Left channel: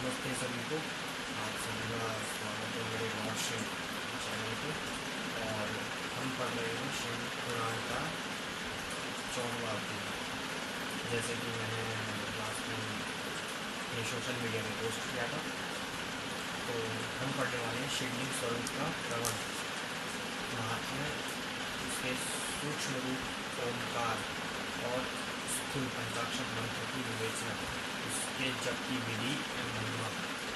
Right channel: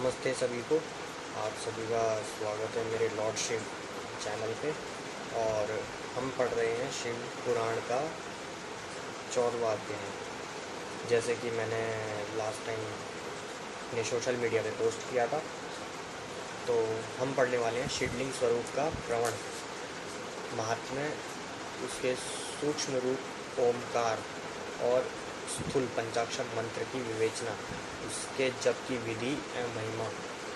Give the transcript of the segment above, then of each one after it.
नमस्ते सभी को। आप सभी का स्वागत है मेरे लॉर्ड शिव चैनल पे। और हम पढ़ रहे हैं शिव पुराण का 14वां अध्याय। जैसे कि मैंने लास्ट टाइम अपने सोशल मीडिया पे पोस्ट किया था, तो हम पढ़ने वाले हैं शिवलिंग स्वरूप का प्रवण, महात्म्य, उसके सूक्ष्म रूप ओमकार और स्थूल पंचाक्षर मंत्र की विवेचना, उसके जप की विधि एवं महिमा,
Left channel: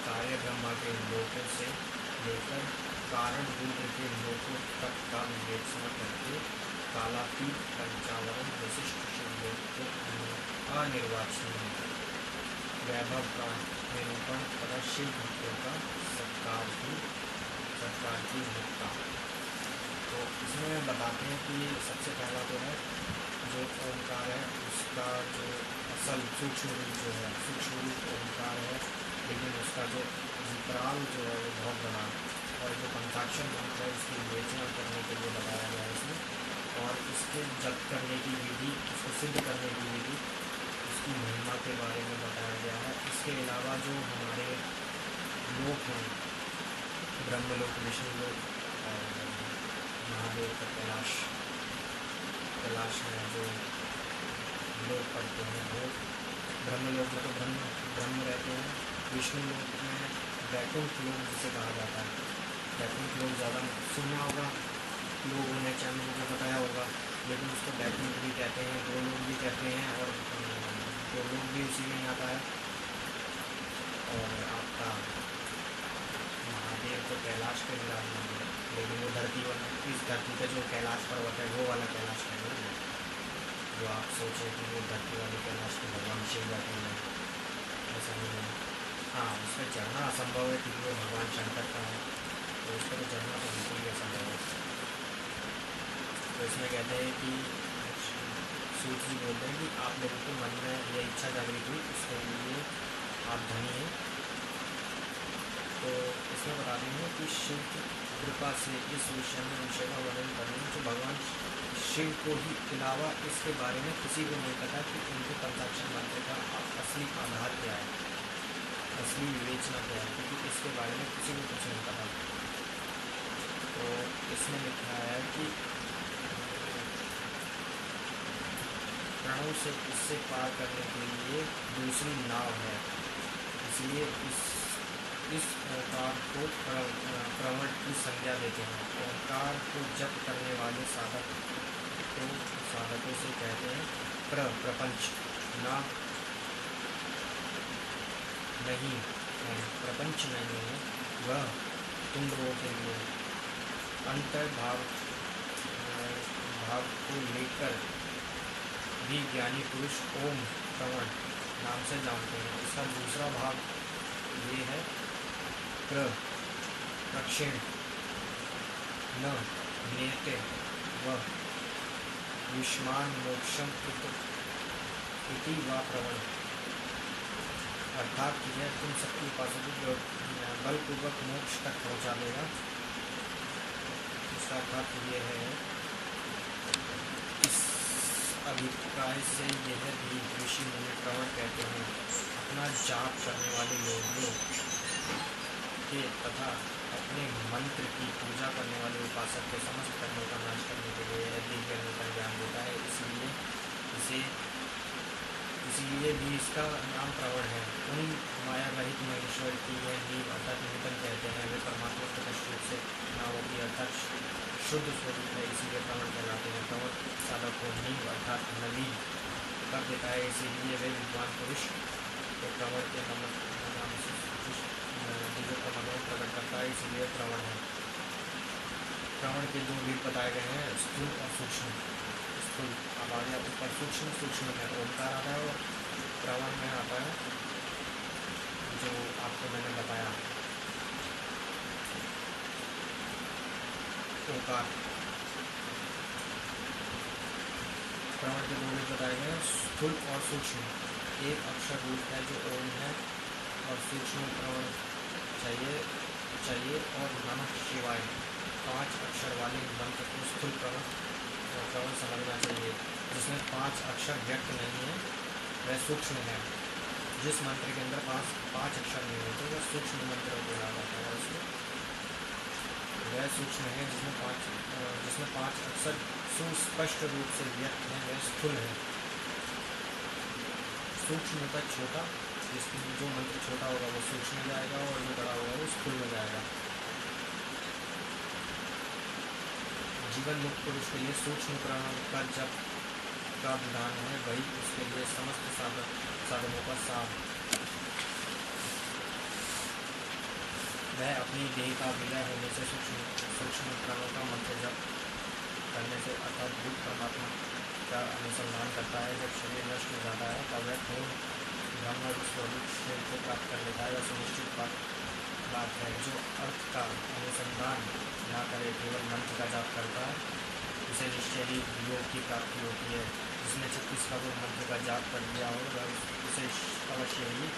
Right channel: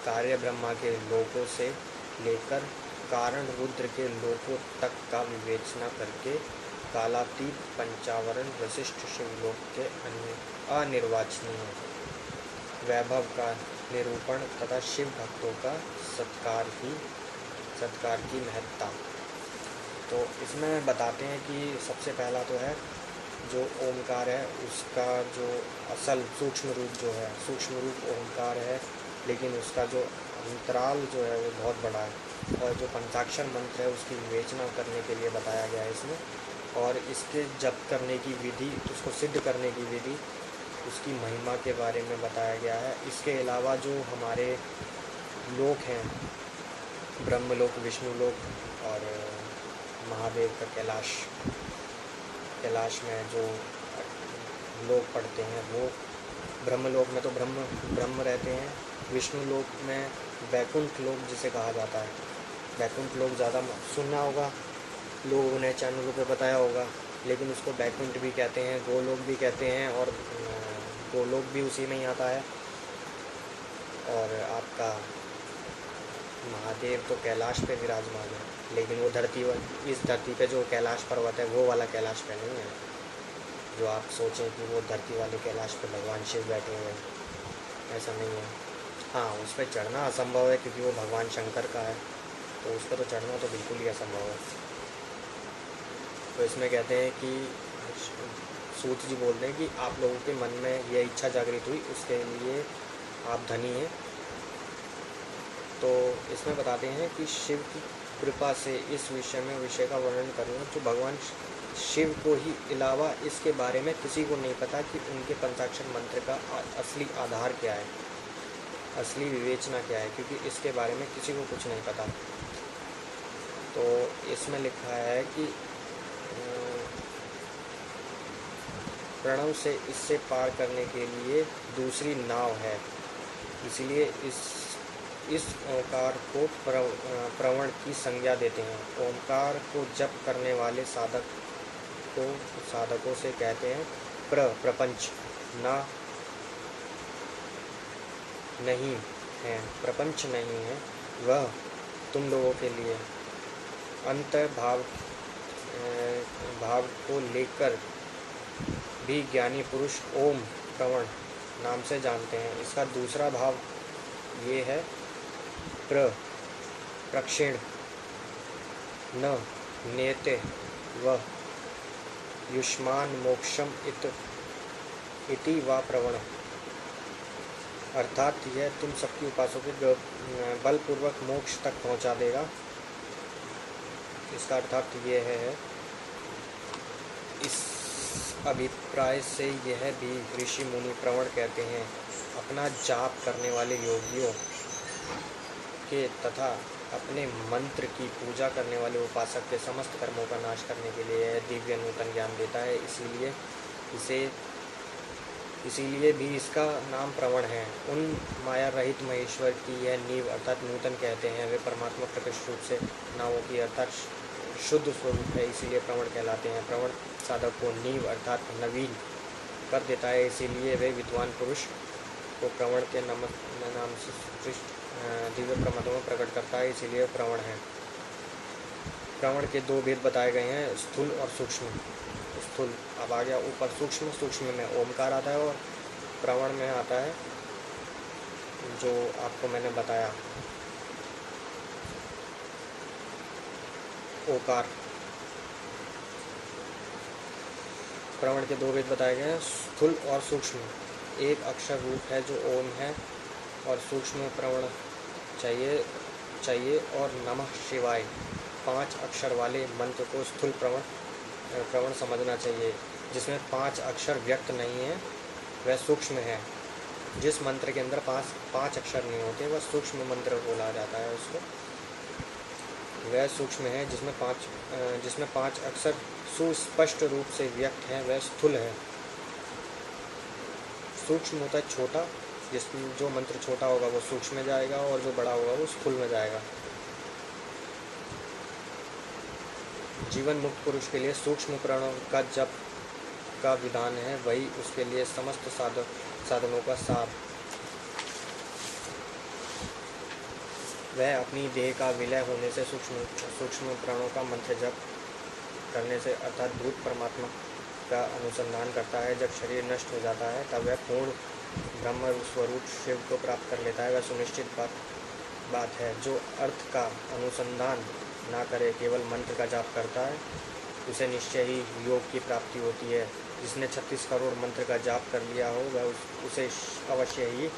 कार्य ब्रह्मा के लोकों से लेकर कारण रुद्र के लोकों तक का विवेचना करके कालातीत पंचावरण वशिष्ठ शिवलोक के अनिर्वाचनीय वैभव का निरूपण तथा शिव भक्तों का सत्कार की महत्ता। तो इसमें बताते हैं कि सबसे पहला तो है जो ओमकार है, उसका जो असल सूक्ष्म रूप ओमकार है, लेकिन उसका जो अंतराल जो है वो बहुत बड़ा है। और जो पंचाक्षर मंत्र है उसकी विवेचना करने के लिए बताया गया है इसमें, और इसके जप करने की विधि, उसको सिद्ध करने की विधि, उसकी महिमा के बारे में बताया गया है। इसके अलावा जो हमारे लोक हैं, ब्रह्मलोक, विष्णुलोक और महादेव का कैलाश में जो लोग पढ़ते हैं, वो ब्रह्मलोक में तो ब्रह्म रहते हैं। विष्णु लोक में वैकुंठ लोक जिसे कहा जाता है, वैकुंठ लोक ज़्यादा सुनना होगा, लोगों ने चैनलों पे बताया होगा, लेकिन उसको वैकुंठ भी कहते हैं, गोलोक भी कहते हैं, और गोलोक भी उसी में ही आता है। और आपका महादेव तो कैलाश पे विराजमान है, लेकिन वो इस धरती पे जो कैलाश पर्वत है वो वाला कैलाश पे नहीं है, जो आप सोचें कि वो धरती वाले कैलाश पे भगवान शिव बैठे हुए हैं, ऐसा नहीं है। हाँ, उस पर चढ़ना असंभव है क्योंकि वो भगवान शंकर का है, तो उस पर तो चढ़ना तो बिल्कुल ही असंभव है। तो इसमें कहते हैं कि सूत जी बोलते हैं कि आप लोगों के मन में यह इच्छा जागृत हुई, उसके लिए आप धनी हैं। तो इसमें बताते हैं कि शिव की कृपा से इस विषय का वर्णन करूँगा, जो भगवान शिव को ही अलावा इसके बारे में किसी को नहीं पता कि उनके पंचाक्षर मंत्र का असली आधार क्या है, असली विवेचना क्या है, क्योंकि इसके बारे में किसी को कुछ नहीं पता। तो इसमें लिखा है कि प्रणव से इससे पार करने के लिए दूसरी नाव है, इसलिए इस ओंकार को प्रवण की संज्ञा देते हैं। ओंकार को जप करने वाले साधकों से कहते हैं प्रपंच प्रपंच नहीं है, वह तुम लोगों के लिए अंतर भाव को लेकर भी ज्ञानी पुरुष ओम प्रवण नाम से जानते हैं। इसका दूसरा भाव ये है प्रक्षेण न नेते व युष्मान मोक्षम इति वा प्रवण, अर्थात यह तुम सबकी उपासकों को बलपूर्वक मोक्ष तक पहुंचा देगा। इसका अर्थात यह है, इस अभिप्राय से यह भी ऋषि मुनि प्रवण कहते हैं। अपना जाप करने वाले योगियों के तथा अपने मंत्र की पूजा करने वाले उपासक के समस्त कर्मों का नाश करने के लिए यह दिव्य नूतन ज्ञान देता है। इसीलिए भी इसका नाम प्रवण है। उन माया रहित महेश्वर की यह नींव अर्थात नूतन कहते हैं। वे परमात्मा प्रकृष्ट रूप से नावों की अर्थात शुद्ध स्वरूप है, इसीलिए प्रवण कहलाते हैं। प्रवण साधक को नींव अर्थात नवीन कर देता है, इसीलिए वे विद्वान पुरुष को प्रवण के नाम से दिव्य प्रमाणों में प्रकट करता है, इसीलिए प्रवण है। प्रवण के दो भेद बताए गए हैं, स्थूल और सूक्ष्म। स्थूल अब आ गया ऊपर, सूक्ष्म में ओमकार आता है, और प्रवण में आता है जो आपको मैंने बताया ओकार। प्रवण के दो भेद बताए गए हैं, स्थूल और सूक्ष्म। एक अक्षर रूप है जो ओम है, और सूक्ष्म प्रवण चाहिए और नमः शिवाय 5 अक्षर वाले मंत्र को स्थूल प्रवण समझना चाहिए। जिसमें 5 अक्षर व्यक्त नहीं है वह सूक्ष्म है, जिस मंत्र के अंदर पांच अक्षर नहीं होते वह सूक्ष्म मंत्र बोला जाता है उसको। वह सूक्ष्म है जिसमें पांच अक्षर सुस्पष्ट रूप से व्यक्त हैं, वह स्थूल है। सूक्ष्म होता है छोटा, जिसमें जो मंत्र छोटा होगा वो सूक्ष्म में जाएगा और जो बड़ा होगा वो स्थूल में जाएगा। जीवन मुक्त पुरुष के लिए सूक्ष्म प्राणों का जप का विधान है, वही उसके लिए समस्त साधनों का सार। वह अपनी देह का विलय होने से सूक्ष्म प्राणों का मंत्र जप करने से अर्थात भूत परमात्मा का अनुसंधान करता है। जब शरीर नष्ट हो जाता है तब वह पूर्ण ब्रह्म स्वरूप शिव को प्राप्त कर लेता है। वह सुनिश्चित बात है। जो अर्थ का अनुसंधान ना करे, केवल मंत्र का जाप करता है, उसे निश्चय ही योग की प्राप्ति होती है। जिसने 36 करोड़ मंत्र का जाप कर लिया हो वह उसे अवश्य ही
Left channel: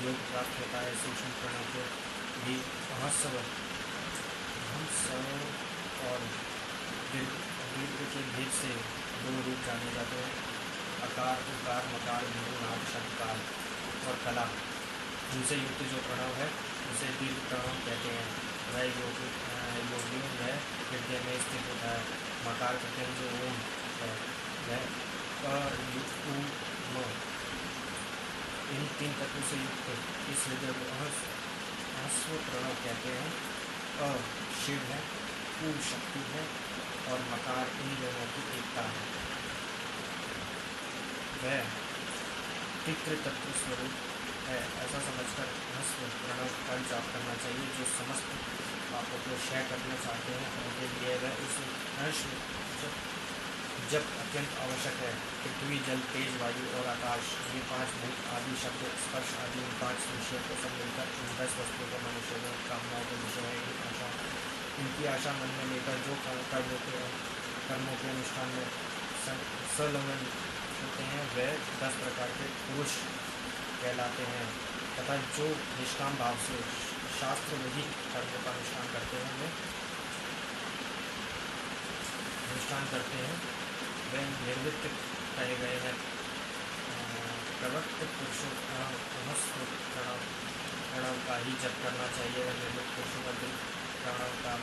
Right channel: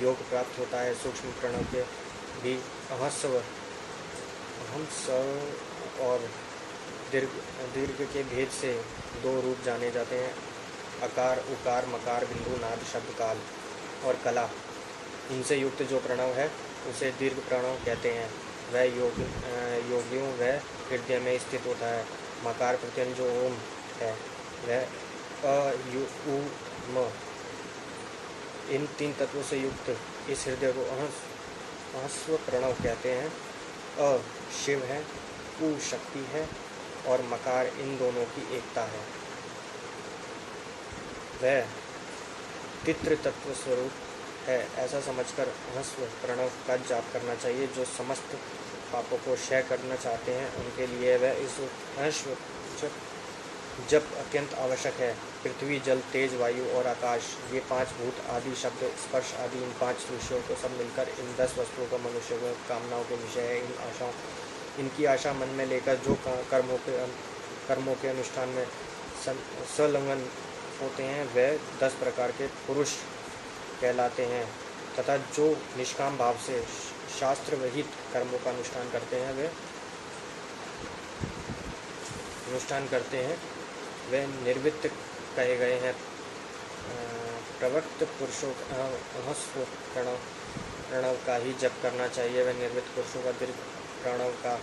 योग प्राप्त होता है। सूक्ष्म प्रणव के भी अहस्व और दीर्घ के भेद से दो रूप जाने जाते हैं, अकार, उकार, मकार, बिंदु, नाद, शब्द, काल और कला। इनसे युक्त जो प्रणव है उसे दीर्घ प्रणव कहते हैं। वह योगियों वह हृदय में स्थित होता है। मकार प्रत्यय जो ओम है वह अ, उ, म, इन तीन तत्वों से युक्त इस हृदय को अहस्व प्रणव कहते हैं। अ शिव है, उ शक्ति है और मकार इन दोनों की एकता है। वह तित्र तत्व स्वरूप है। ऐसा समझकर अहस्व प्रणव का जाप करना चाहिए। जो समस्त पापों को क्षय करना चाहते हैं उनके लिए वह इस अहस्व जप अत्यंत आवश्यक है। पृथ्वी, जल, तेज, वायु और आकाश, ये 5 भूत आदि शब्द, स्पर्श आदि इन 5 विषयों को सब मिलकर इन 10 वस्तुओं का मनुष्य को कामनाओं के विषय है। इनकी आशा मन में लेकर जो कर्मों के अनुष्ठान में संलग्न होते हैं वे 10 प्रकार के पुरुष कहलाते हैं, तथा जो निष्काम भाव से शास्त्र विहित कर्मों का अनुष्ठान करते हैं वे निर्वृत्त कहे गए हैं। प्रवृत्त पुरुषों अहस्व प्रणव का ही जप करना चाहिए। वह निर्वृत्त पुरुषों का दीर्घ प्रणव का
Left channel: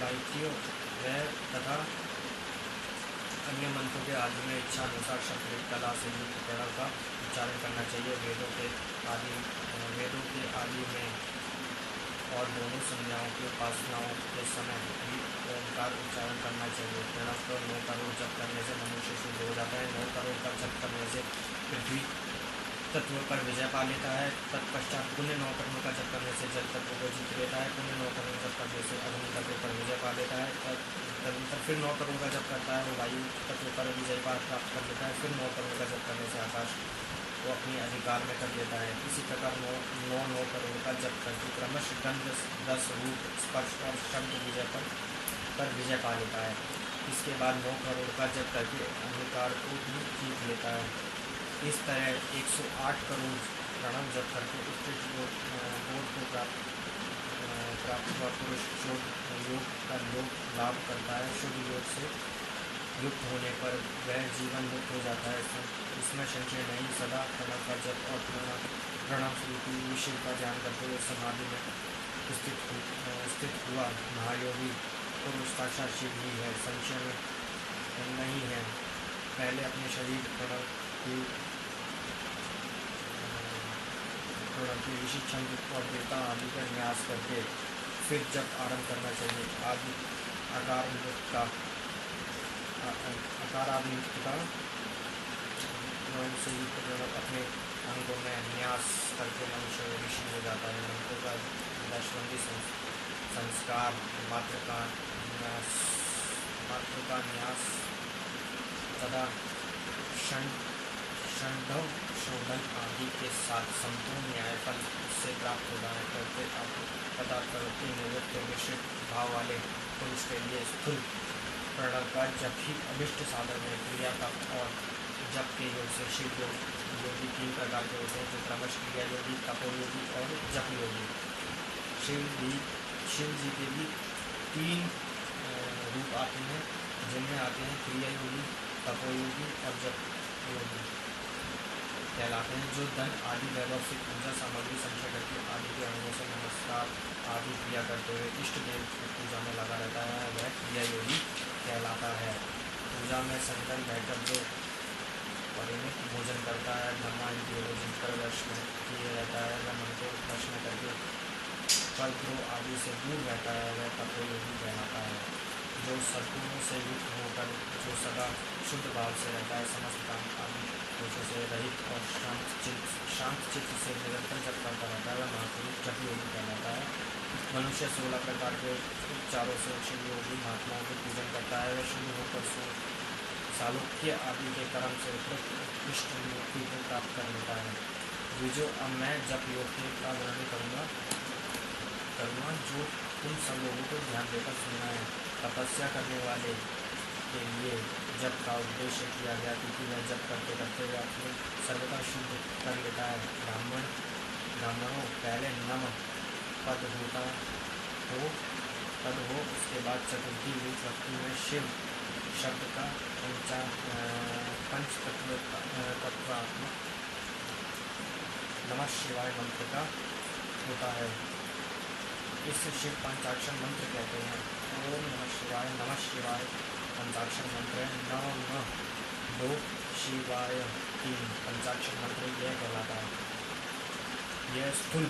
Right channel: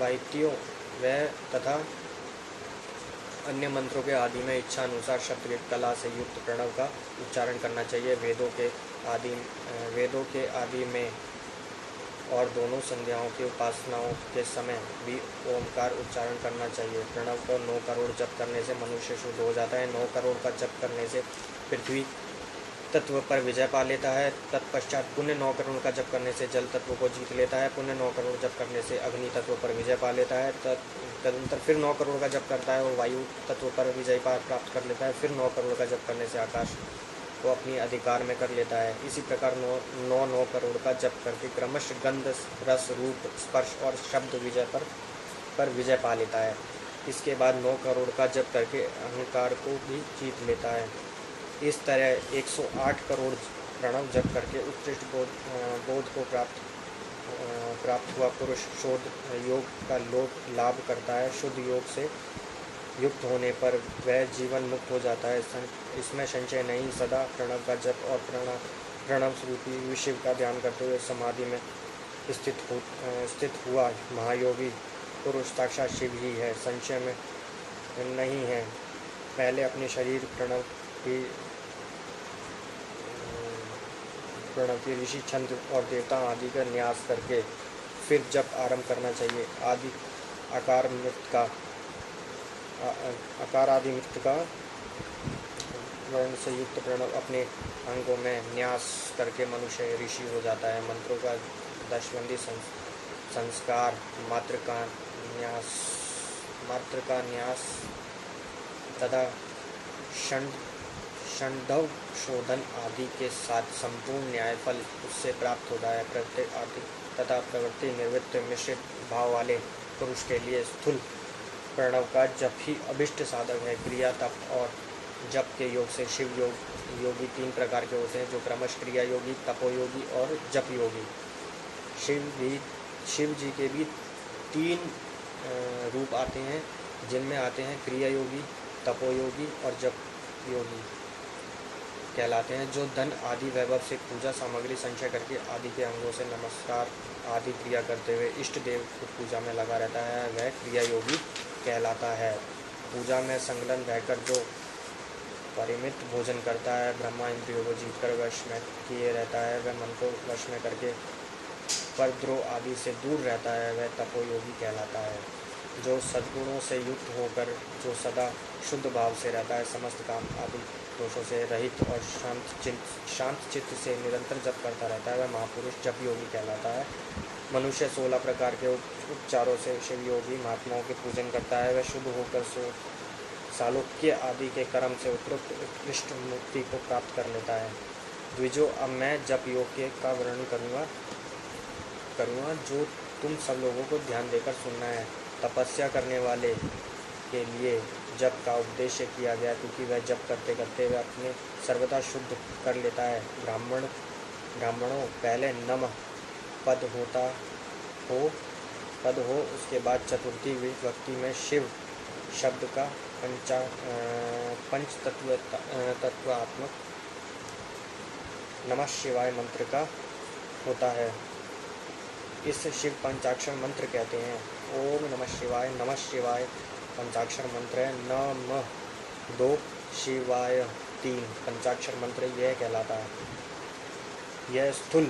वायुक्तियों वह तथा अन्य मंत्रों के आदि में इच्छा अनुसार शब्द कला से युक्त प्रणव का उच्चारण करना चाहिए। वेदों के आदि में और दोनों संध्याओं की उपासनाओं के समय भी ओमकार उच्चारण करना चाहिए। प्रणव का 9 करोड़ जप करने से मनुष्य शुद्ध हो जाता है। 9 करोड़ का जप करने से पृथ्वी तत्व पर विजय पा लेता है। तत्पश्चात पुण्य 9 करोड़ का जप करने से जल तत्व को जीत लेता है। पुण्य 9 करोड़ जप करने से अग्नि तत्व पर विजय पा लेता है। तदनंतर फिर 9 करोड़ का जप करता है वो वायु तत्व पर विजय प्राप्त कर लेता है। फिर 9 करोड़ का जप करने से आकाश को अपनी अधिकार में कर लेता है। इसी प्रकार 9 करोड़ का जप करके क्रमशः गंध, रस, रूप, स्पर्श और शब्द विजय पर विजय पा लेता है। इसके बाद 9 करोड़ का जप करके अहंकार को भी जीत लेता है। इस तरह 108 करोड़ प्रणव जप करके उत्कृष्ट बोध को प्राप्त हुआ पुरुष शोध योग का लाभ करता है। शुद्ध योग से युक्त होने पर वह जीवन मुक्त हो जाता है। इसमें संशय नहीं। सदा प्रणव का जप और प्रणव स्वरूपी शिव का ध्यान करते हुए समाधि में स्थित हुआ महायोगी पुरुष साक्षात शिव ही है, संशय में नहीं है। पहले अपने शरीर प्रणव की ऋषि छंद और देवता आदि का न्यास करके फिर जप आरंभ करना चाहिए। आकार आदि नृत्य का से युक्त प्रणव अपने अंगों में न्यास करके मनुष्य ऋषि हो जाता है। मंत्रों का दशबंदी संस्कार, मात्र का न्यास तथा षण्ढव शोधन आदि के साथ संपूर्ण न्यायफल उससे प्राप्त होता है। प्रत्येक आदि तथा प्रवृत्ति निवृत्त मिश्रित भाव वाले पुरुष के लिए स्थूल प्रणव का जप ही अभिष्ट साधक है। क्रिया, तप और जप के योग से शिव योगी 3 प्रकार के होते हैं, जो क्रमश क्रिया योगी, तपोयोगी और जप योगी। शिव जी के भी 3 रूप आते हैं, जिनमें आते हैं क्रिया योगी, तपोयोगी और जप योगी कहलाते हैं। जो धन आदि वैभव से पूजा सामग्री संचय करके आदि के अंगों से नमस्कार आदि क्रिया करते हुए इष्ट देव को पूजा में लगा रहता है वह क्रिया योगी कहलाता है। पूजा में संलग्न रहकर जो परिमित भोजन करता है, ब्रह्मा इंद्रियों को जीतकर वश में किए रहता है, वह मन को वश में करके परद्रोह आदि से दूर रहता है वह तपोयोगी कहलाता है। जो सद्गुणों से युक्त होकर जो सदा शुद्ध भाव से रहता है, समस्त काम आदि दोषों से रहित और शांत चित्त से निरंतर जप करता रहता है वह महापुरुष जप योगी कहलाता है। मनुष्य 16 प्रकार के उपचारों से शिव योगी महात्माओं के पूजन करता है वह शुद्ध होकर सालोक्य आदि के कर्म से उपयुक्त उत्कृष्ट मुक्ति को प्राप्त कर लेता है। द्विजो, अब मैं जप योग का वर्णन करूँगा जो तुम सब लोगों को ध्यान देकर सुनना है। तपस्या करने वाले के लिए जप का उद्देश्य किया गया क्योंकि वह जप करते करते वह अपने सर्वथा शुद्ध कर लेता है। ब्राह्मणों पहले नम पद हो उसके बाद चतुर्थी विभक्ति में शिव शब्द का पंच तत्वात्मक नमः शिवाय मंत्र का होता है। इस शिव पंचाक्षर मंत्र कहते हैं। ओम नमः शिवाय पंचाक्षर मंत्र है। नमः 2 शिवाय 3 पंचाक्षर मंत्र यह कहलाता है। यह स्थूल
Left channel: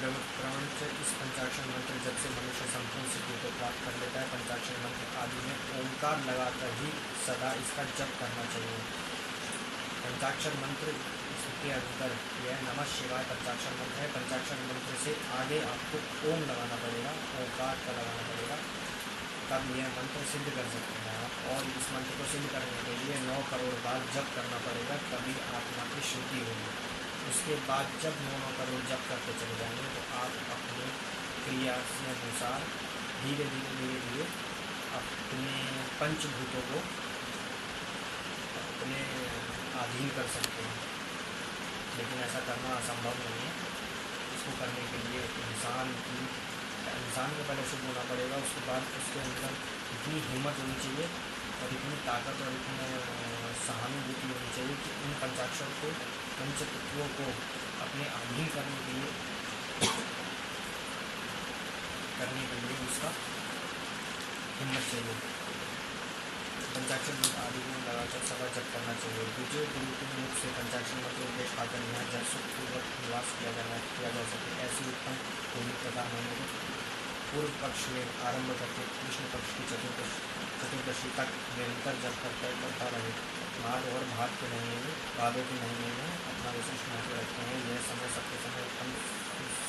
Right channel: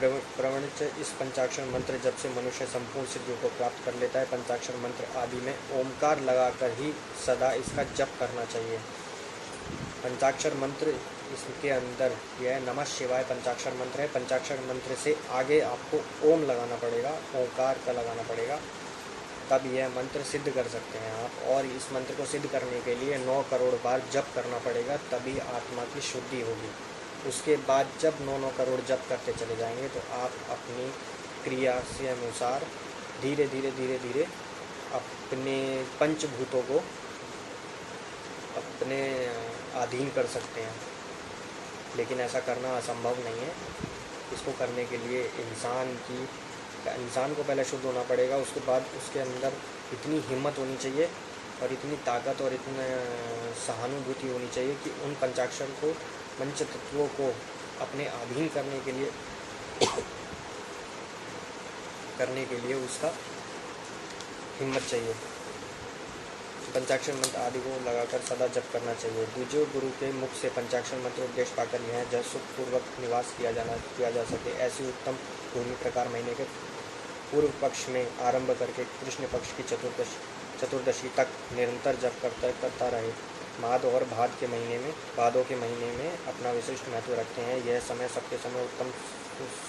प्रवृत्त इस पंचाक्षर मंत्र जब से मनुष्य संपूर्ण सिद्धियों को प्राप्त कर लेता है। पंचाक्षर मंत्र आदि में ओंकार लगाकर ही सदा इसका जप करना चाहिए। पंचाक्षर मंत्र इसके अंदर यह नमः शिवाय पंचाक्षर मंत्र है। पंचाक्षर मंत्र से आगे आपको ओम लगाना पड़ेगा, ओंकार का लगाना पड़ेगा, तब यह मंत्र सिद्ध कर सकते हैं आप। और इस मंत्र को सिद्ध करने के लिए 9 करोड़ बार जप करना पड़ेगा, तभी आत्मा की शुद्धि होगी। उसके बाद जब 9 करोड़ जप करते चले जाएंगे तो आप अपनी क्रिया से अनुसार धीरे धीरे अपने पंचभूतों को अपने अधीन कर सकते हैं। लेकिन ऐसा करना असंभव नहीं है। इसको करने के लिए इंसान को पहले शुद्ध होना पड़ेगा। उसके बाद उसके अंदर इतनी हिम्मत होनी चाहिए और इतनी ताकत और इतनी सहानुभूति होनी चाहिए कि उन पंचाक्षर को, पंच तत्वों को अपने अधीन करने के लिए उसका हिम्मत चाहिए। पंचाक्षर मंत्र आदि को लगाकर सदा जप करना चाहिए। द्विजो, गुरु के मुख से पंचाक्षर मंत्र उपदेश पाकर यह जब सुखपूर्वक निवास किया जा सके ऐसी उत्तम भूमि प्रकार महीने के पूर्व पक्ष में आरंभ करके कृष्ण पक्ष की चतुर्दशी तक निरंतर जप करता रहे। भादों के महीने में अपना विशिष्ट महत्व रखते हैं। यह समय सबके समय उत्तम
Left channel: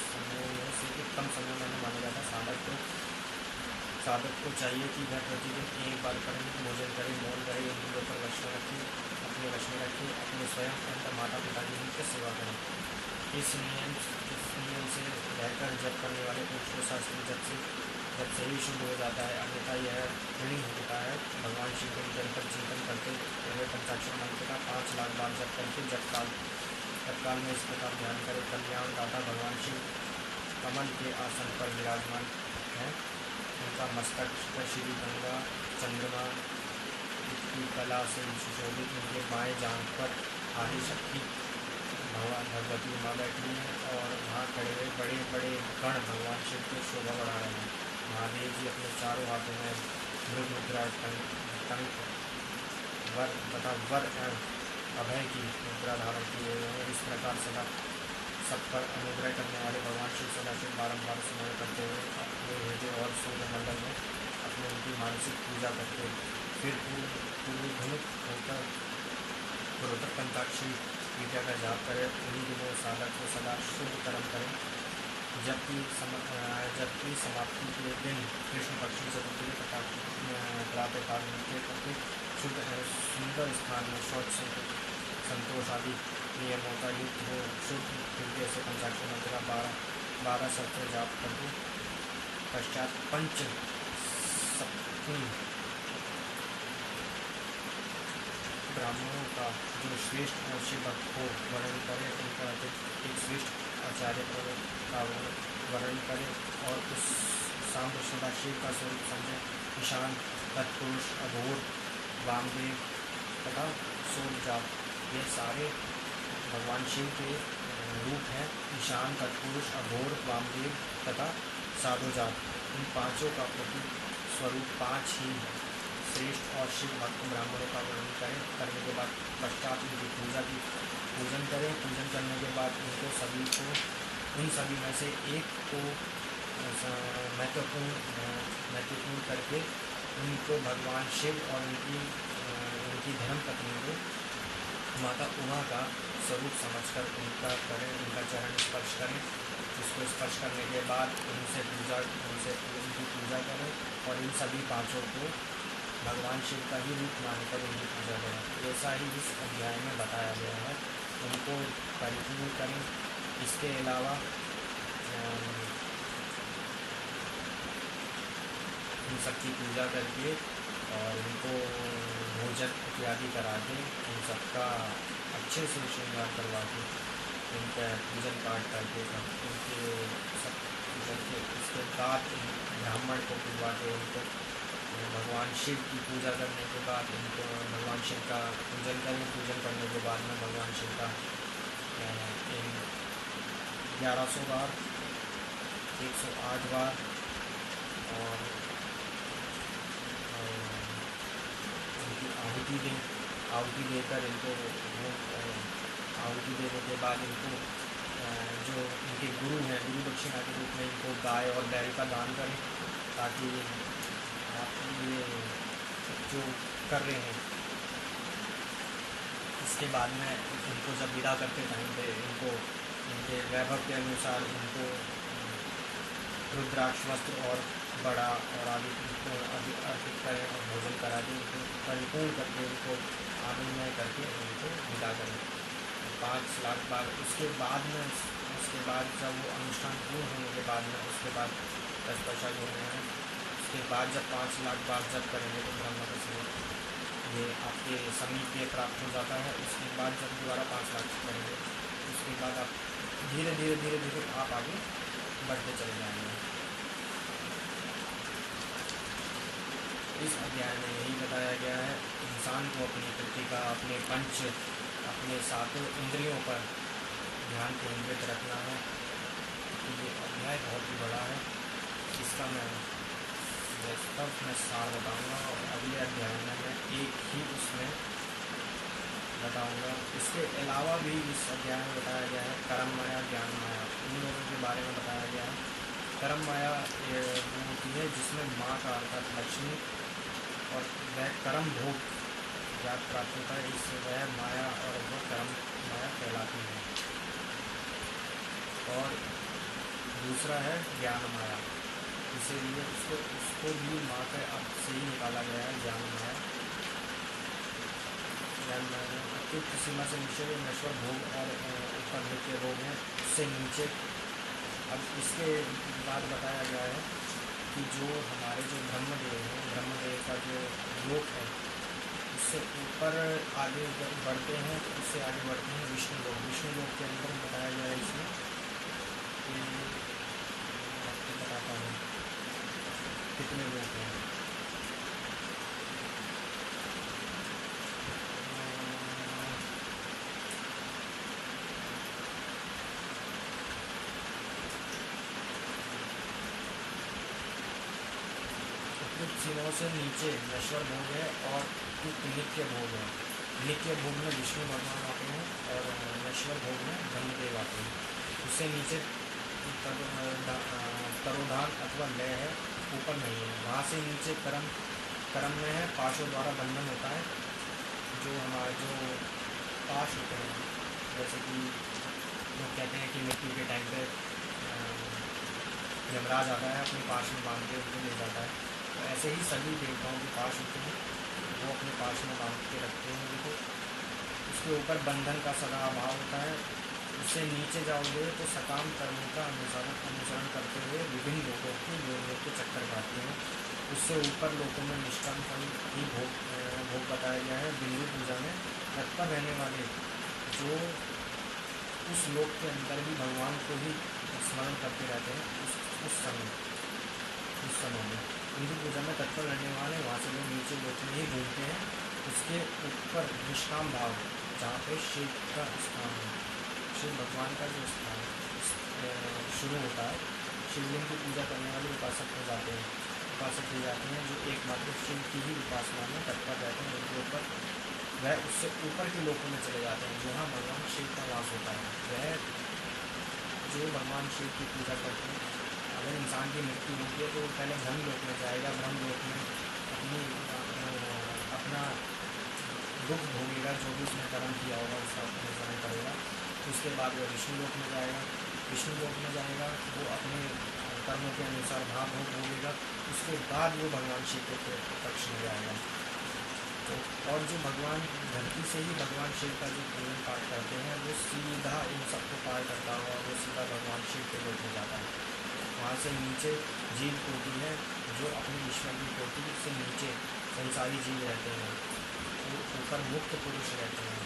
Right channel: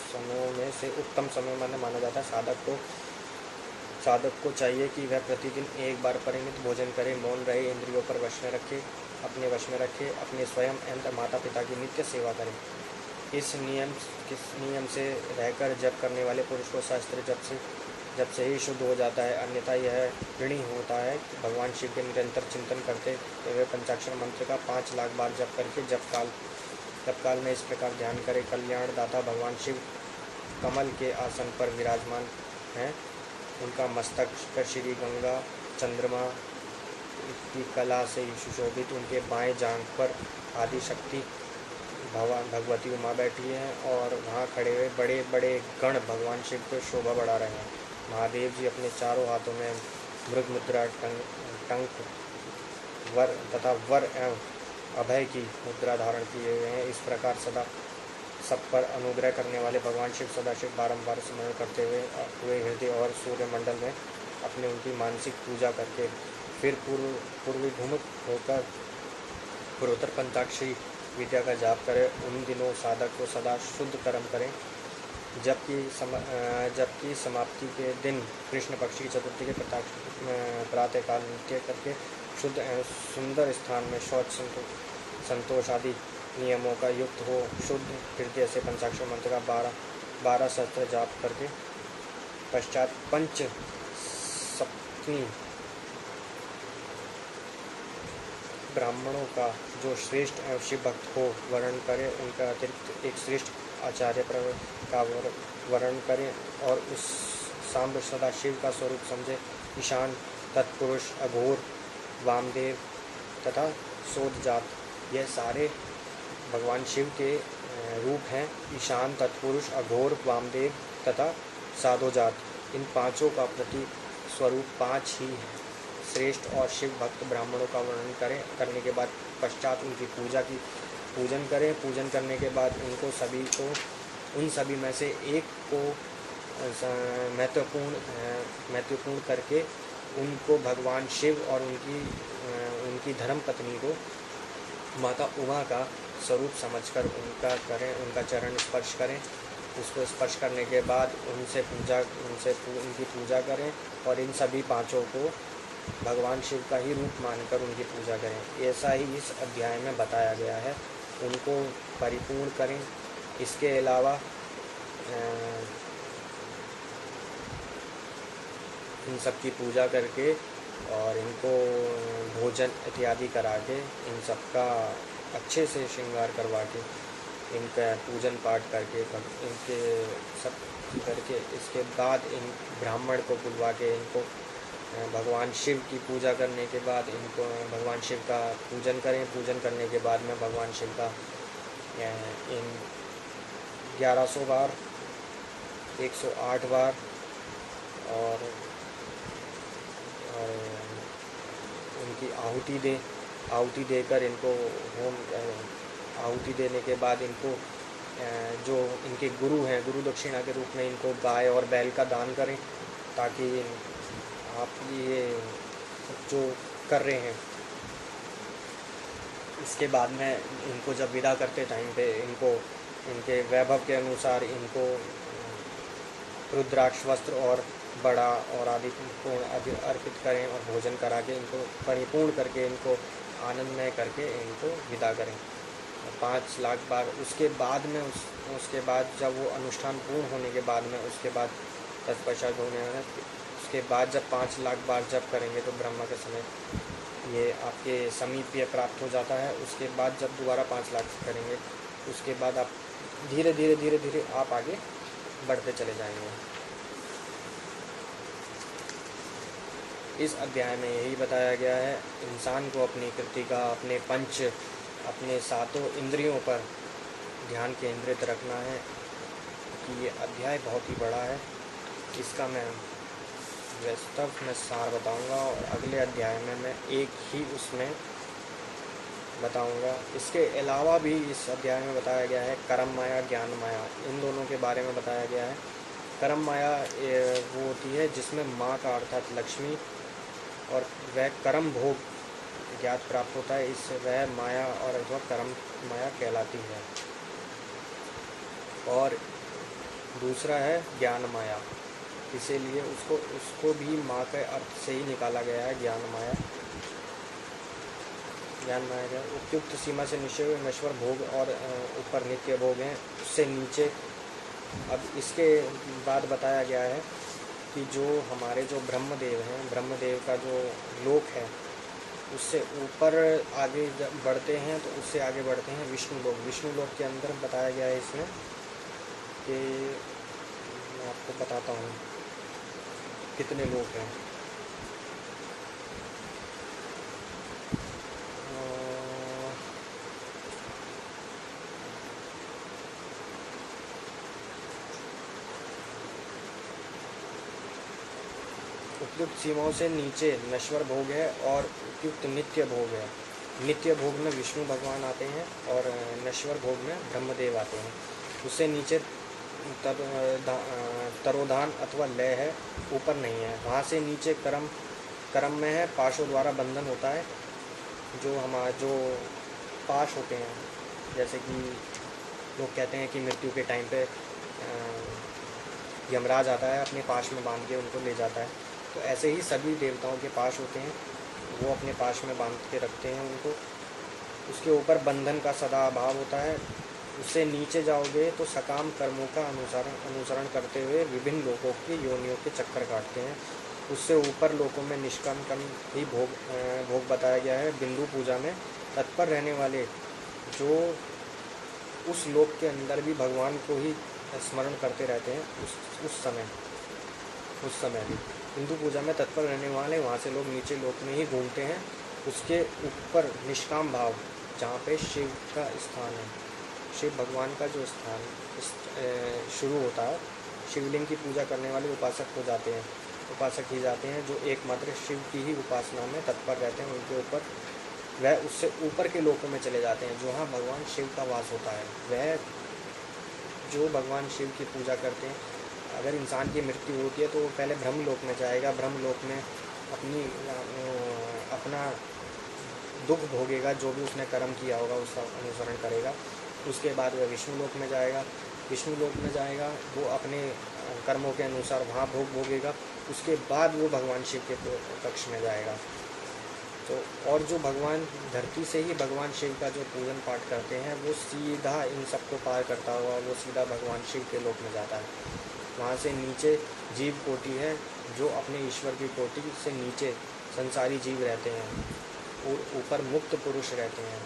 समयों में से उत्तम समय माना जाता है। साधक को चाहिए कि वह प्रतिदिन एक बार परिमित भोजन करे, मौन रहे, इंद्रियों पर अपने वश में रखे, अपने स्वयं एवं माता पिता की नित्य सेवा करें। इस नियम से रहकर जप करने वाले पुरुष को शास्त्र जब से ही शुद्ध हो जाता है, अन्यथा यह ऋणी होता है। भगवान शिव के निरंतर चिंतन करते हुए पंचाक्षर मंत्र का 5 लाख बार जप करके जप काल में इस प्रकार ध्यान करे। कल्याण दाता भगवान शिव कमल के आसन पर विराजमान हैं। उनका मस्तक पर श्री गंगा चंद्रमा की कला से सुशोभित, उनके बाएं जांघ पर आदि शक्ति भगवती उमा बैठी हैं और वहाँ खड़े हुए बड़े बड़े गण भगवान शिव को शोभा बढ़ा रहे हैं। महादेव जी अपने चारों हाथों में मृग मुद्रा, टंक, वर तथा वर एवं अभय की मुद्रा धारण किए हुए हैं। इस प्रकार सदा सब पर अनुग्रह करने वाले भगवान शिव सदाशिव बारंबार स्मरण करते हुए हृदय और सूर्य मंडल में अपने उनकी मानसिक पूजा करके फिर पूर्वभिमुख होकर पूर्वोत्तर पंचाक्षरी विद्या का जाप करें। उन्हीं दिनों साधक को सदा शुद्ध कर्म करें। जबकि समाप्ति के दिन कृष्ण पक्ष की चतुर्थी के प्रातःकाल नृत्य करके शुद्ध सुंदर स्थान में शौच संतोष आदि नियमों का युक्त हो शुद्ध हृदय से पंचाक्षर मंत्र का 12 सत्र जाप करके पश्चात पंच सप्तमी ब्राह्मणों का जो श्रेष्ठ एवं शिव भक्त को वर्णन करें, उनका अतिरिक्त एक श्रेष्ठ आचार्य का वर्णन करें और उस सांब सदा शिव का स्वरूप समझे। ईशान तत्पुरुष, अघोर, वामदेव तथा सोदजात, यह सारे भगवान शिव के रूप हैं। ईशान, तत्पुरुष, अघोर, वामदेव तथा साधोजात, इन पांचों का प्रति स्वरूप पांच ही है। श्रेष्ठ और शिव भक्त ब्राह्मणों का वर्णन करने के बाद पश्चात उनकी पूजन करें। पूजन करने के बाद उन सभी में से एक को महत्वपूर्ण करके उनको भगवान शिव और उनकी धर्म पत्नी को माता उमा का स्वरूप समझकर उनका चरण स्पर्श करें। उसको स्पर्श करने के बाद उनकी पूजा करें और इन सभी पांचों को भगवान शिव का ही रूप मानकर उनकी पूजा करें। ऐसा ही इस अध्याय में बताया गया है, उनको परिपूर्ण करें। इसके अलावा इन सब की पूजा करके और इनको भोजन इत्यादि करा के, इन सब का अच्छे से श्रृंगार करवा के, इनका पूजन पाठ करके इनके सब करके, इसके बाद इन ब्राह्मण को बुलवा के इनको भगवान शिव की पूजा करने के बाद इनको भगवान शिव का पूजन करें। पूजन करने के बाद में भगवान शिव का इन 1100 बार, 108 बार और उनकी आहुति देकर इनको आहुति देने के बाद इनको जो इनके गुरु हैं, गुरु दक्षिणा के रूप में इनको गाय और बैल का दान करें, ताकि आप ये जो कर रहे हैं इसके बाद में इनको जब विदा करते टाइम पे इनको इनके वैभव के अनुसार इनको रुद्राक्ष वस्त्र और बड़ा और आदि अर्पित करें और भोजन करा के इनको परिपूर्ण करके इनको आनंदमय करके इनको विदा करें 5 लाख बार। उसके बाद जब वो अनुष्ठान पूर्ण होने के बाद में उसके बाद तत्पश्चात होने हैं, उसके बाद जब 5 लाख बार जप करेंगे तो ब्रह्मा के समय ये आपके समीप ये प्राप्त हो जाता है। उसके बाद जब दोबारा 5 लाख करेंगे उसके बाद आप धीरे धीरे आप आगे बढ़ते चले जाएंगे। इस अध्याय में यही बताया गया है, इंसान को अपनी कृतिका, अपने 7 इंद्रियों पर ध्यान केंद्रित रखना है। ये अध्याय बहुत ही बड़ा है, इसका मैं वास्तव में सार बताऊंगा और अगले अध्याय में मैं एक ही उसमें बताऊंगा। इसके अलावा भी इस अध्याय में बताया गया है कर्म माया, ज्ञान माया, इन दोनों के बारे में बताया गया है। कर्म माया वो होती है जिसमें माँ का अर्थात लक्ष्मी और वह कर्म भोग ज्ञात प्राप्त होता है, इससे वह माया और वह कर्म माया कहलाती है। और दूसरा है ज्ञान माया, इसीलिए उसको भी माँ के अर्थ से ही निकाला गया है ज्ञान माया। ज्ञान माया का उपयुक्त सीमा से नीचे नश्वर भोग और ऊपर नित्य भोग हैं, उससे नीचे। अब इसके बाद बताया गया है कि जो हमारे जो ब्रह्मदेव हैं, ब्रह्मदेव का जो लोक है उससे ऊपर आगे बढ़ते हैं, तो उससे आगे बढ़ते हैं विष्णु लोक। विष्णु लोक के अंदर बताया गया है इसमें कि मैं आपको बताता हूँ कितने लोग हैं। उपयुक्त सीमाओं से नीचे नश्वर भोग है और उपयुक्त नित्य भोग है। नित्य भोग में विष्णु भगवान आते हैं और नश्वर भोग में ब्रह्मदेव आते हैं। उससे नीचे तरोधान अथवा लय है, ऊपर नहीं है। वहाँ से नीचे कर्म में है, पाशों द्वारा बंधन होता है। जो पाश होते हैं, जैसे कि लोग कहते हैं कि मृत्यु के टाइम पे यमराज आता है, अपने पाश में बांध के उनको ले जाता है, तो ऐसे ही सभी देवताओं के पाश होते हैं, वो अपने पाश में बांध के रखते हैं उनको। उसके ऊपर बंधन का सदा अभाव होता है। उससे नीचे जाओगे तो सकाम कर्मों का अनुसरण करते हुए विभिन्न लोगों की योनियों के चक्कर काटते हैं। उससे ऊपर लोगों में निष्काम कर्म ही भोग बताया गया है। बिंदु पूजा में तत्पर रहने वाले जो उस लोक के अंदर भी भगवान को ही स्मरण करते रहते हैं उस समय भी। हिंदू पूजा में तत्पर रहने वाले वहाँ से लोग नीचे लोक में ही घूमते हैं। उसके ऊपर निष्काम भाव, जहाँ पे शिव का स्थान है, शिव भगवान का जो स्थान शुरू होता है, शिवलिंग की पूजा करने वाले उपासक ही जाते हैं, जो एकमात्र शिव की ही उपासना में तत्पर रहते हैं। उनके ऊपर वह उससे ऊपर के लोकों में चले जाते हैं, जहाँ भगवान शिव का वास होता है। वह जो भगवान शिव की पूजा करते हैं, अगर इंसान की मृत्यु होती है तो वो पहले ब्रह्मलोक में जाएगा, ब्रह्मलोक में अपना दुख भोगेगा, जो भी उसने कर्म किया होगा उसका अनुसरण करेगा। उसके बाद वह विष्णु लोक में जाएगा, वो अपने कर्मों के अनुसार वहाँ भोग भोगेगा। उसके बाद वो भगवान शिव के कक्ष में जाएगा। तो और जो भगवान धरती से ही भगवान शिव का जो पूजन पाठ करते हैं, वो सीधा इन सबको पार करता हुआ वो सीधा भगवान शिव के लोक में जाता है। वहाँ से नीचे जीव कोटि है, जो अपने ईश्वर की कोटि से नीचे संसारी जीव रहते हैं, और ऊपर मुक्त पुरुष रहते हैं।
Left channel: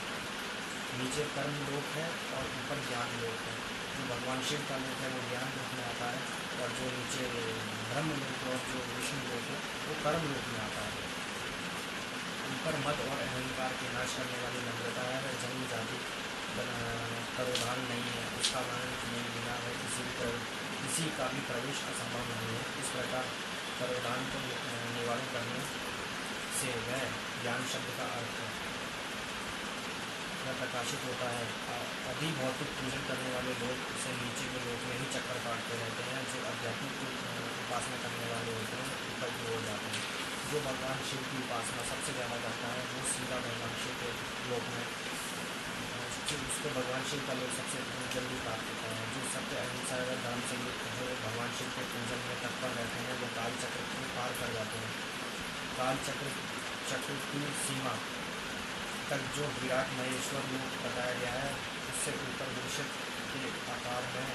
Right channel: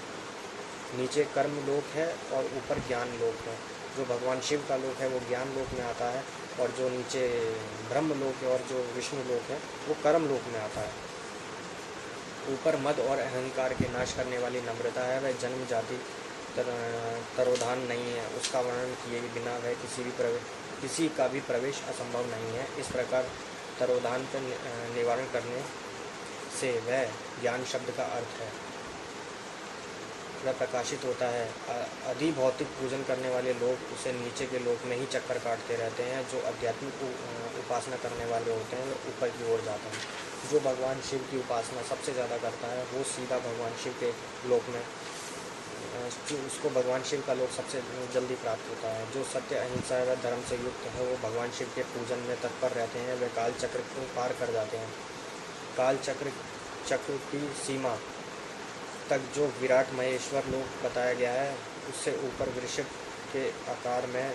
नीचे कर्म लोक है और ऊपर ज्ञान लोक है। जो भगवान शिव का लोक है वो ज्ञान लोक में आता है, और जो नीचे ब्रह्म लोक है और जो विष्णु लोक है वो कर्म लोक में आता है। ऊपर मद और अहंकार के नाश करने वाली नम्रता है, वह जन्म जाति तरोधान नहीं है। उसका वर्णन किए बिना वह किसी का भी प्रवेश असंभव नहीं है। इस प्रकार तरोधान का निवारण करने से वह ज्ञान शब्द का अर्थ है, वह प्रकाशित होता है। अधिभौतिक पूजन करने वाले लोग उसे नीचे के लोक में ही चक्कर काटते रहते हैं। जो आध्यात्मिक उपासना करने वाले होते हैं वो ऊपर की ओर जाते हैं। जो भगवान शिव की उपासना सबसे ज़्यादा करता है वो सीधा भगवान शिव के लोक में, उसको भगवान शिव का लोक सबसे जल्दी प्राप्त होता है। जो सत्य अहिंसा व धर्म से युक्त है वो भगवान शिव के पूजन में तत्पर रहते हैं। वे काल चक्र को पार कर जाते हैं। काल चक्र की सीमा तक जो विराट महेश्वर लोक बताया गया है, उससे ऊपर वृषभ के आकार में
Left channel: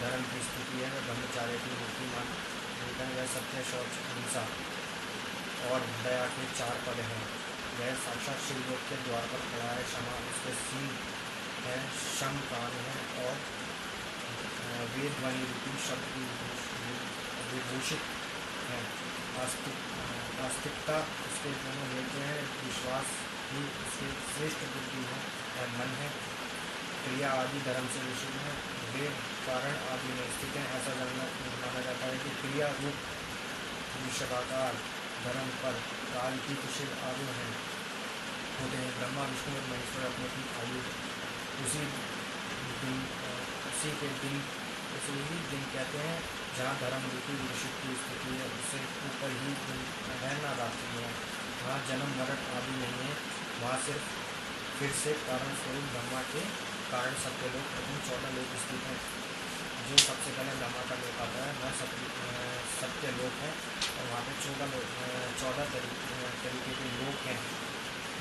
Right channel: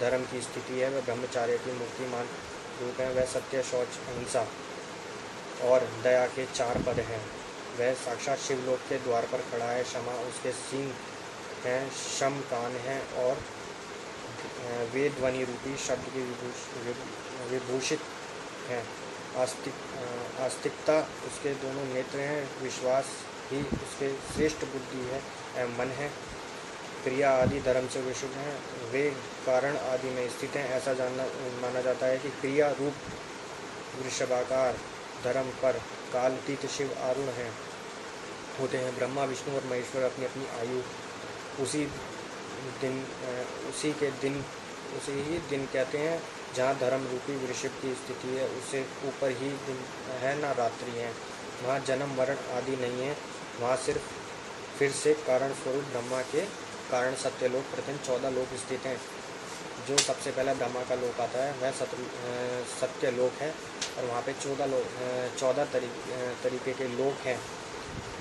धर्म की स्थिति है। वह ब्रह्मचार्य की मूर्तिमान रूप है। वह सत्य, शौच, अहिंसा और दया के 4 पद हैं। वह साक्षात शिवलोक के द्वार पर खड़ा है। क्षमा उसके सींग हैं, शम कान हैं, और वे ध्वनि रूपी शब्द की विभूषित हैं। आस्तिकता उसके दोनों नेत्र हैं। विश्वास ही उसके श्रेष्ठ बुद्धि है, मन है। क्रिया आदि धर्म से विशुद्ध हैं। वे कारण आदि में स्थित हैं। ऐसा माना जाता है कि क्रिया रूप वृषभाकार धर्म पर कालतीत शिव आरूढ़ होते हैं। ब्रह्मा, विष्णु और महेश्वर अपनी अपनी आयु उसी ही दिन कहते हैं। जहाँ धर्म रूपी वृषभ की स्थिति है, उससे ऊपर ही दिन है, ना रात्रि है। वहाँ जन्म मरण आदि नहीं है। वहाँ सिर्फ फिर से कारण स्वरूप ब्रह्मा के कारण सत्यलोक प्रथम 14 लोक स्थित हैं। जो सबसे पहले ब्रह्मा का लोक आता है वह सत्यलोक है, और वहाँ पे 14 तरीके के लोक हैं,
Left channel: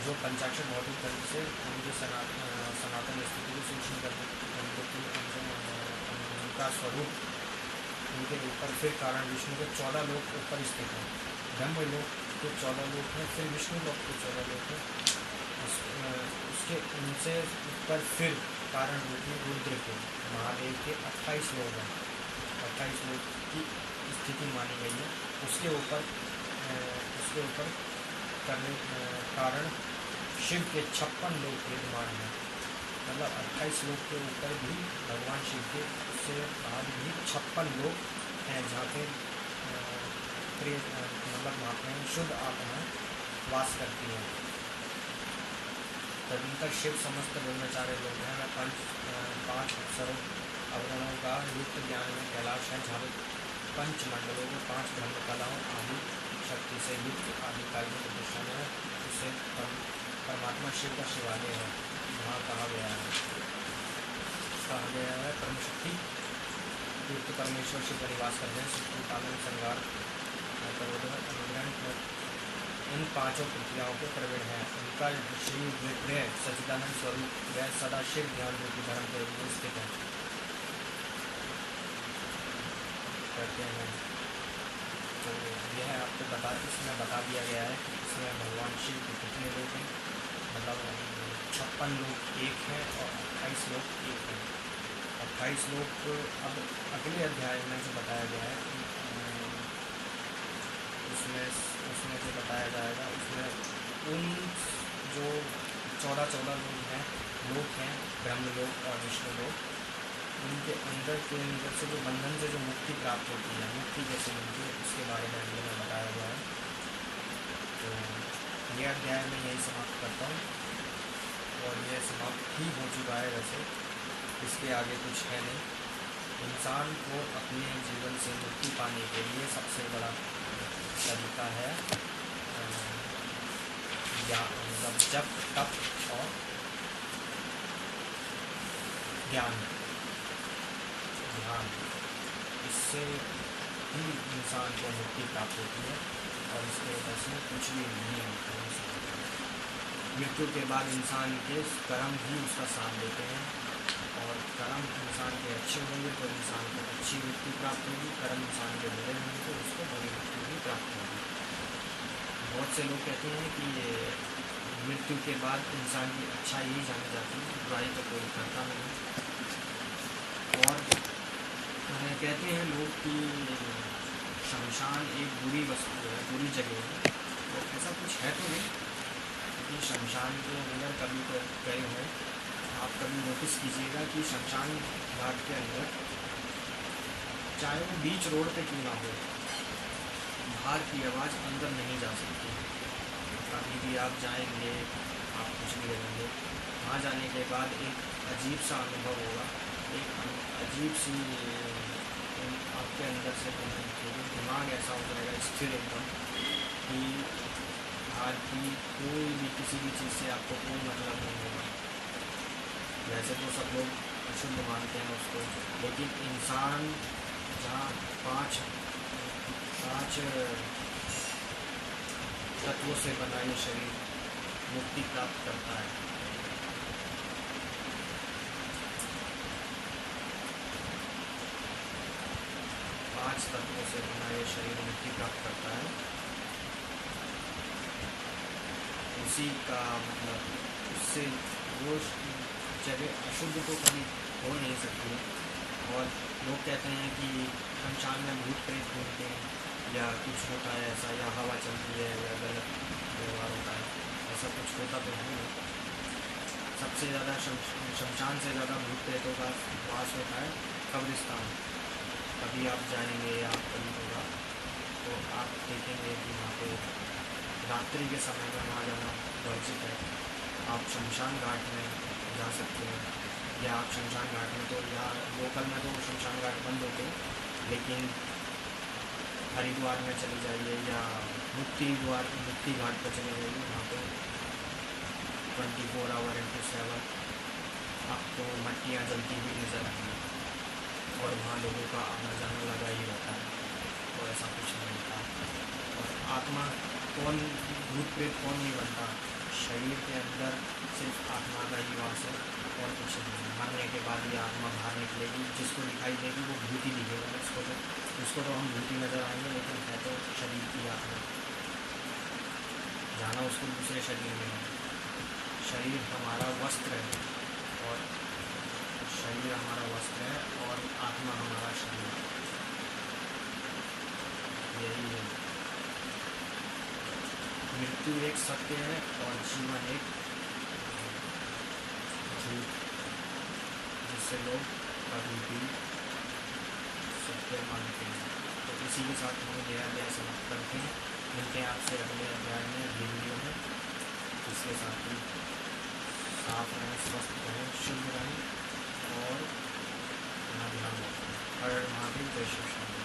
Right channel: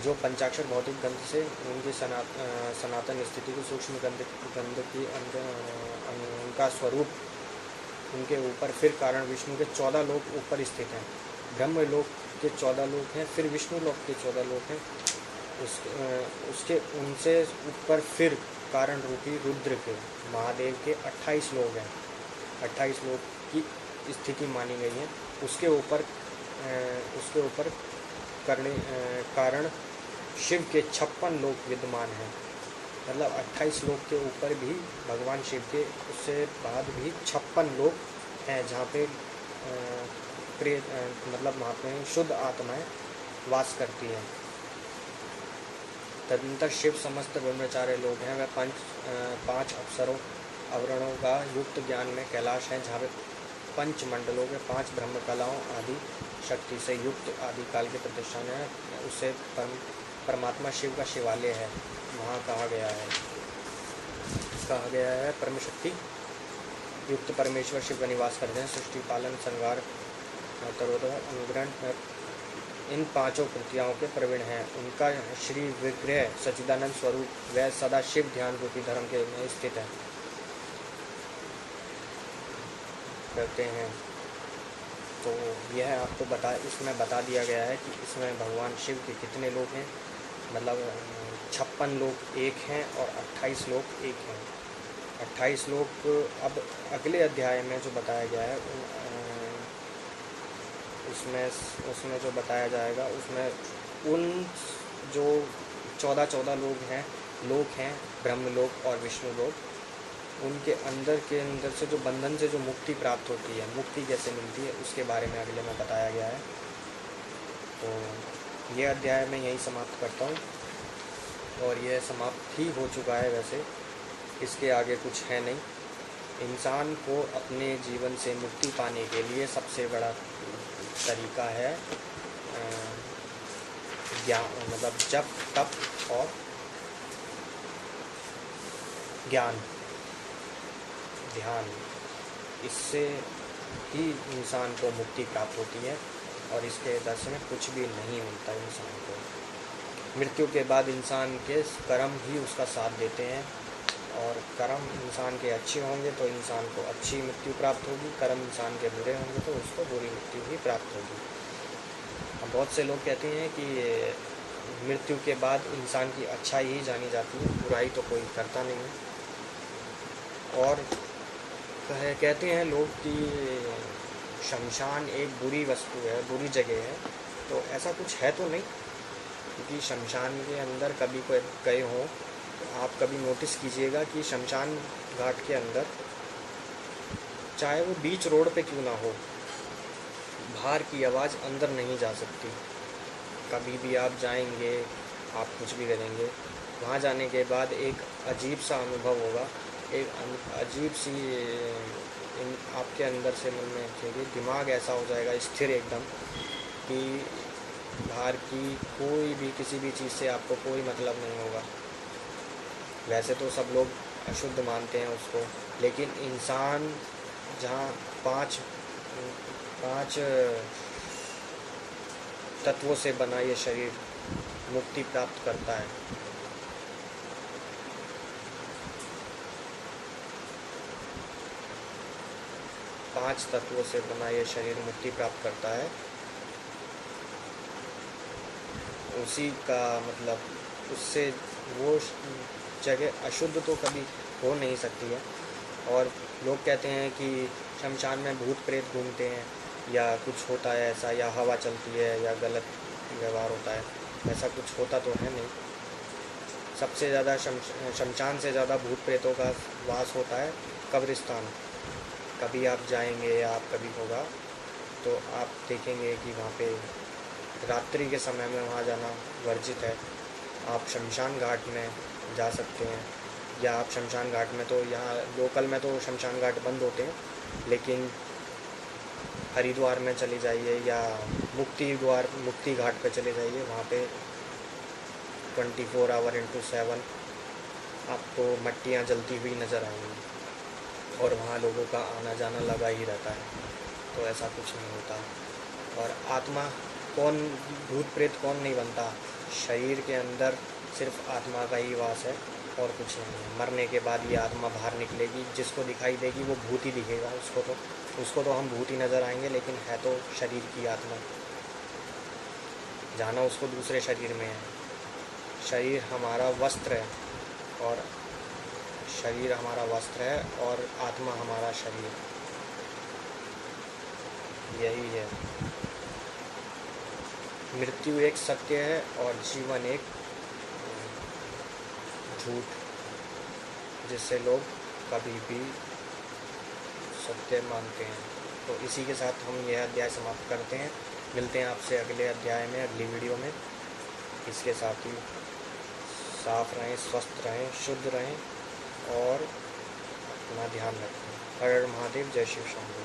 जो पंचाक्षर भौतिक गंध से उनके सनातन स्थिति की सूक्ष्म गंध की उनका स्वरूप उनके ऊपर। फिर कारण विष्णु के 14 लोक ऊपर स्थित हैं। ब्रह्म लोक के 14 लोक हैं, फिर विष्णु लोक के 14 लोक हैं। उसके उनसे ऊपर फिर कारण रूपी रुद्र के, महादेव के 28 लोक हैं। 28 लोक की स्थिति मानी गई है। उसके ऊपर कारण शिव के 56 लोक विद्यमान हैं। मतलब 28 लोक के ऊपर भी भगवान शिव के, उससे बाद भी 56 लोक हैं, जहाँ पे मतलब वहाँ पे शुद्ध आत्माएं वास करती हैं। तदनंतर शिव समस्त ब्रह्मचार्य लोग हैं। वह 5 अप्सरों आवरणों का युक्त ज्ञान में कैलाश है, जहाँ पे 5 मंडलों में 5 ब्रह्म कलाओं आदि शक्ति से युक्त आदिकाल के प्रतिष्ठान है। उसे परमात्मा शिव का शिवालय है। वहाँ कहा गया है परम शक्ति युक्त परमेश्वर शिव का निवास करते हैं। सृष्टि, पालन, संहार, तरोधन, अनुग्रहण इन 5 क्रियाओं के प्रवीण हैं। उनका श्री विग्रह सच्चिदानंद स्वरूप वह सदा शिव ध्यान रूपी धर्म के में स्थित है करते हैं। तो यह आपको इसमें बता दिया गया है कि इसमें भगवान शिव के कितने लोग हैं। मतलब 56 लोग एक हैं और 28 लोग एक हैं। 28 लोग अब अगले अध्याय में जो बताया गया है उसमें उसमें जो बताया जाएगा, उसमें उन जो 14 लोग हैं ब्रह्मलोक और विष्णु लोक, उनके अंदर के अंदर से जो बंधन से जो मुक्ति प्राप्त होती है, मुक्ति कैसे मिलती है, उसके बारे में अगले में बताया गया है। तो ये अध्याय मैं यही समाप्त करता हूँ, और यह समाप्त ही हो चुका है वैसे, इसके आगे कुछ है नहीं। इंसान को अपने जीवन से मुक्ति पाने के लिए सबसे बड़ा तरीका है ज्ञान, मतलब जप, तप और ज्ञान, ध्यान। इससे ही इंसान को मुक्ति प्राप्त होती है, और इसके दर्श में कुछ भी नहीं मिलता इंसान को। मृत्यु के बाद इंसान के कर्म ही उसका साथ देते हैं, और कर्म इंसान के अच्छे होंगे तो इंसान को अच्छी मृत्यु प्राप्त होगी, कर्म इंसान के बुरे होंगे तो उसको बुरी मृत्यु ही प्राप्त होगी। अब बहुत से लोग कहते हैं कि मृत्यु के बाद इंसान की अच्छाई ही जानी जाती है, बुराई तो कोई करता नहीं। और कहते हैं लोग कि शमशान एक बुरी वस्तु है, बुरी जगह है, तो ऐसा कुछ है तो नहीं, क्योंकि शमशान के अंदर कभी कोई गए हों, आप कभी नोटिस कीजिएगा कि शमशान घाट के अंदर, चाहे वो बीच रोड पे क्यों ना हो, बाहर की आवाज़ अंदर नहीं जा सकती। कभी भी आप जाएंगे, आप कुछ भी करेंगे, वहाँ जाने के बाद एक अजीब सा अनुभव होगा, एक अजीब सी आपके अंदर से मन में उठेगी, दिमाग ऐसा हो जाएगा स्थिर एकदम कि बाहर की कोई भी किसी भी चीज़ से आपको कोई मतलब नहीं होगा। वैसे तो सब लोग अशुद्ध मानते हैं उसको, लेकिन इंसान जहाँ पांच तत्वों से बना ये शरीर मुक्ति प्राप्त करता है। पांच तत्वों से बना ये शरीर मुक्ति प्राप्त करता है, उसी का मतलब उससे वो जगह अशुद्ध तो कभी हो नहीं सकती है। और लोग कहते हैं कि शमशान में भूत प्रेत घूमते हैं, या कुछ होता है ऐसा, या हवा चलती है, या गलत व्यवहार होता है, ऐसा कुछ होता तो है नहीं। सबसे ज़्यादा शमशान से ज़्यादा भूत प्रेतों का वास होता है कब्रिस्तान। कभी आप जाएंगे या आप कभी होगा तो आप देखेंगे कि वहाँ पे रात्रि के समय में वहाँ जाना वर्जित है। आप शमशान घाट में जा सकते हैं, या आप शमशान घाट में, तो यहाँ लोकल में तो शमशान घाट बंद होते हैं, लेकिन हरिद्वार में चले जाइए या मुक्ति घाट पे चले जाइए, वहाँ पे 24 आवर इंटू 7 आपको मट्टियाँ जलती हुई नज़र आएंगी, और वहाँ लोगों का आना जाना लगा ही रहता है। तो ऐसा कुछ नहीं होता। और आत्मा कौन, भूत प्रेत कौन नहीं बनता, शरीर के अंदर सिर्फ आत्मा का ही वास है और कुछ नहीं है। मरने के बाद ये आत्मा बाहर निकलेगी, जिसको दिखाई देगी वो भूत ही दिखेगा, उसको तो हम भूत ही नज़र आएंगे, लेकिन है तो शरीर की आत्मा, जाना उसको दूसरे शरीर में है। शरीर हमारा वस्त्र है, और शरीर हमारा वस्त्र है, और आत्मा हमारा शरीर, यही है। मृत्यु एक सत्य है और जीवन एक झूठ, जिससे लोग कभी भी सत्य मानते हैं। तो इसी के साथ हम यह अध्याय समाप्त करते हैं। मिलते हैं आपसे अगले अध्याय में, अगली वीडियो में। इसके साथ ही साफ रहें, स्वस्थ रहें, शुद्ध रहें, और अपना ध्यान रखें। हर हर महादेव, जय शिव शंभू।